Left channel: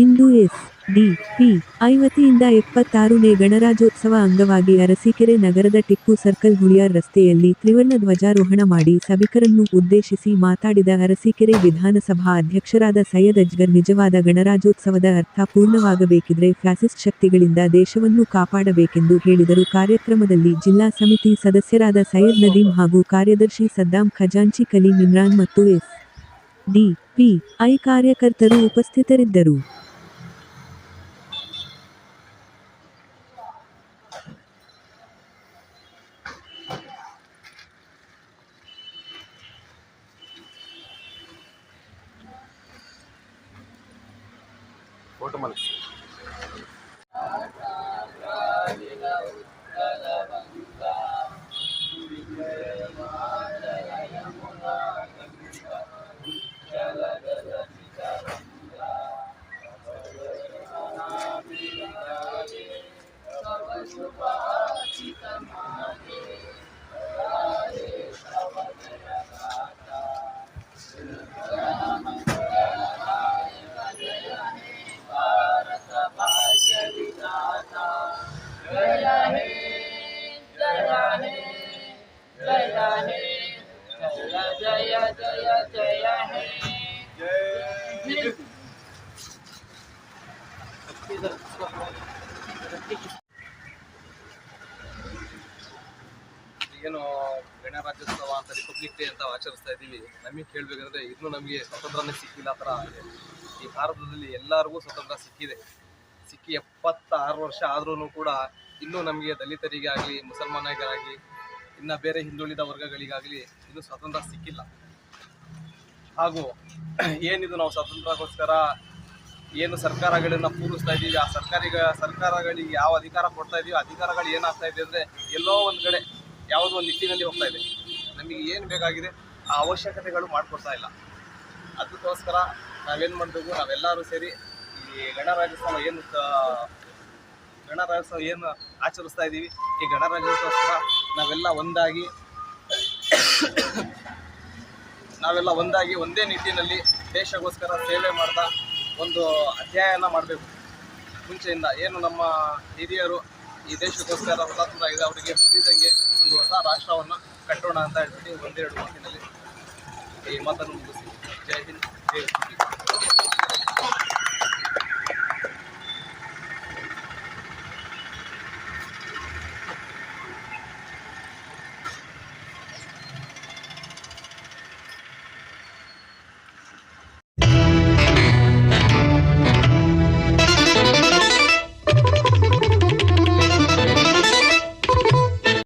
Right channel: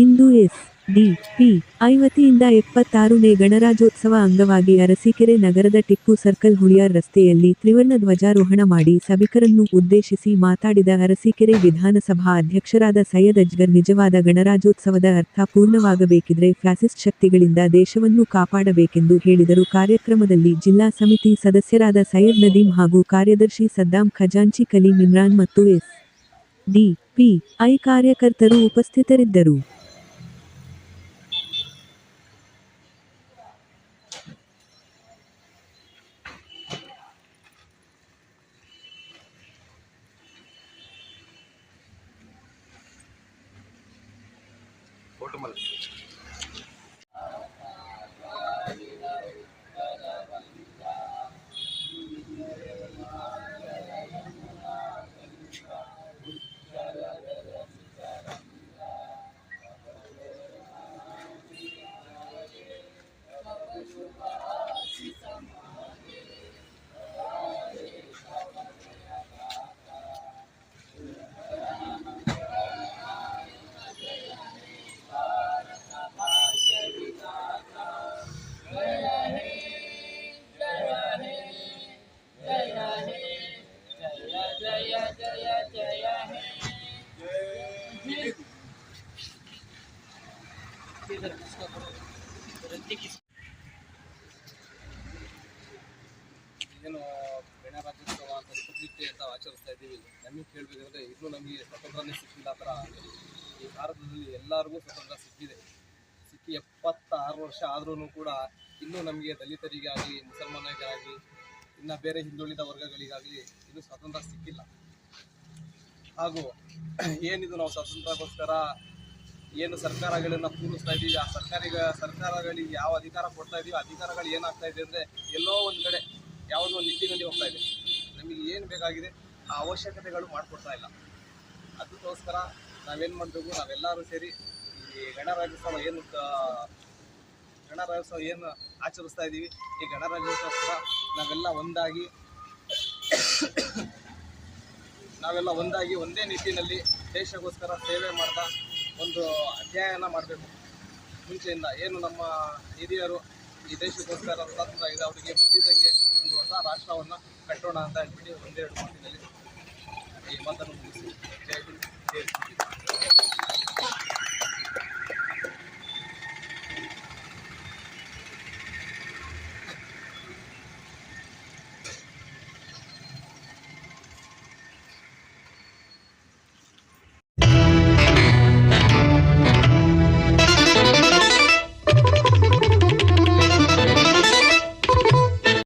ಇಂದು ಎಸ್.ಡಿ.ಪಿ. I ವತಿಯಿಂದ 76ನೇ ಗಣರಾಜ್ಯೋತ್ಸವ ಅಂಗವಾಗಿ ಅರಸೀಕೆರೆ ನಗರದ ಟಿಪ್ಪು ಸರ್ಕಲ್ ಹುಳಿಯಾರ್ ರಸ್ತೆಯಲ್ಲಿ ತ್ರಿವರ್ಣ ಧ್ವಜಾರೋಹಣ ಮಾಡಿ ಸಭಿಕರನ್ನು ಉದ್ದೇಶಿಸಿ ಮಾತಾಡಿದ ಅರಸೀಕೆರೆ ವಿಧಾನಸಭಾ ಅಧ್ಯಕ್ಷರಾದ ಸೈಯದ್ ಅಜ್ಗರ್ ನಿಜವಾದ ಗಣರಾಜ್ಯೋತ್ಸವದ ಅರ್ಥ ಪೂರ್ಣವಾಗಬೇಕಿದ್ರೆ ಫ್ಯಾಸಿಸ್ಟ್ ಶಕ್ತಿಗಳಿಂದ ದೇಶವನ್ನು ಕಾಪಾಡಬೇಕೆಂದು ಹೇಳಿದರು. ಕಾರ್ಯಕ್ರಮದಲ್ಲಿ ಜಿಲ್ಲಾ ಸಮಿತಿ ಸದಸ್ಯರಾದ ಸೈಯದ್ ನದೀಂ ಹಾಗೂ ಕಾರ್ಯದರ್ಶಿ ಸದ್ದಾಂ ಖಜಾಂಚಿ ಕಲೀಂ ಇಮ್ರಾನ್ ಮತ್ತು ಎಸ್.ಡಿ.ಪಿ. ಐ ಕಾರ್ಯಕರ್ತರು ಉಪಸ್ಥಿತರಿದ್ದರು. ಏನು ಗಣರಾಜ್ಯೋತ್ಸವ ಅಂತ ರಿಪಬ್ಲಿಕ್ ಡೇ ಅಂತ ಆಚರಿಸ್ತಾ ಇದ್ದೀವಿ. ನಮಗೆ ಕೇಳಬೇಕಂದ್ರೆ ಇನ್ನೂ ನಮಗೆ ಸ್ವಾತಂತ್ರ್ಯನೇ ಸಿಕ್ಕಿಲ್ಲ ಥರ ಆಗಿದೆ. ಈ ಭಾರತದಲ್ಲಿ ಎಲ್ಲರಿಗೂ ಸ್ವತಂತ್ರ ಸಿಕ್ಕಿ 76 ವರ್ಷ ಆದ್ರೂ ಕೂಡ ಇನ್ನೂ ನಮಗೆ ದಲಿತರಿಗೆ ಆಗಲಿ, ಮುಸಲ್ಮಾನರಿಗಾಗಲಿ, ಇನ್ನು ಬೇರೆ ಹಿಂದುಳಿದ ವರ್ಗಗಳಿಗಾಗಲಿ ಇನ್ನೂ ಸ್ವಾತಂತ್ರ್ಯ ಸಿಕ್ಕಿಲ್ಲ. ಹಾಗೂ ಏನಿದು ನಾವು ಸ್ವಾತಂತ್ರ್ಯಕ್ಕೋಸ್ಕರ ಏನು ಸರ್ಕಾರಗಳನ್ನು ಪೂರೈಸ್ತಾ ಇದ್ದೀವಿ, ಆ ಸರ್ಕಾರಗಳಿಗೆ ಯಾವ ಅಧಿಕಾರ ಕೊಡ್ತಾ ಇದೀವಿ, ಅಧಿಕಾರಗಳು ಏನಾಗ್ತಾ ಇದೆ ಅಂದರೆ ಎಲ್ಲೋ ಒಂದು ಕಡೆ ಯಾವುದೋ ಒಂದು ನಿಟ್ಟಿನಲ್ಲಿ ಹೋಗ್ತಾ ಇದೆ. ನಮಗೆ ಏನು ಬೇಕಾಗಿದೆ ಆ ಅವಶ್ಯಕತೆಗಳು ಮಾಡಿಕೊಡ್ತಾ ಇಲ್ಲ. ಅದಕ್ಕೋಸ್ಕರ ನಾವೇನು ಮಾಡಬೇಕು, ನಾವೆಲ್ಲರೂ ಸೇರಿ ಈ ಗಣರಾಜ್ಯೋತ್ಸವ ಏನು ಆಚರಿಸ್ತಾ ಇದ್ದೀವಿ, ಈ ಗಣರಾಜ್ಯೋತ್ಸವ ನಾವೆಲ್ಲ ಒಂದಾಗಿ ಒಂದೇ ನಿಟ್ಟಿನಲ್ಲಿ ದೇಶಕ್ಕೋಸ್ಕರ ಸೇವೆ ಮಾಡ್ತಾ ಒಂದು ಅಧ್ಯಾಯನ ಮಾಡಬೇಕು. ಮುಂಚೆಯಿಂದ ಏನು ನಮ್ಮ ಹಿರಿಯರು ಈ ದೇಶಕ್ಕೋಸ್ಕರ ಹುತಾತ್ಮರಾಗಿದೆ, ಅವರಿಗೆ ಮುಗಿದಂಗೆ ಒಂದು ಹೊಸ ರಾಷ್ಟ್ರವನ್ನು ಕಟ್ಟೋಣ ಅಂತ ಹೇಳ್ಬಿಟ್ಟು ಒಂದೆರಡು ಮಾತಿನಲ್ಲಿ ಈ ಮಾತನ್ನು ಮುಗಿಸಿ. ಜೈ ಹಿಂದ್, ಜೈ ಹಿಂದ್.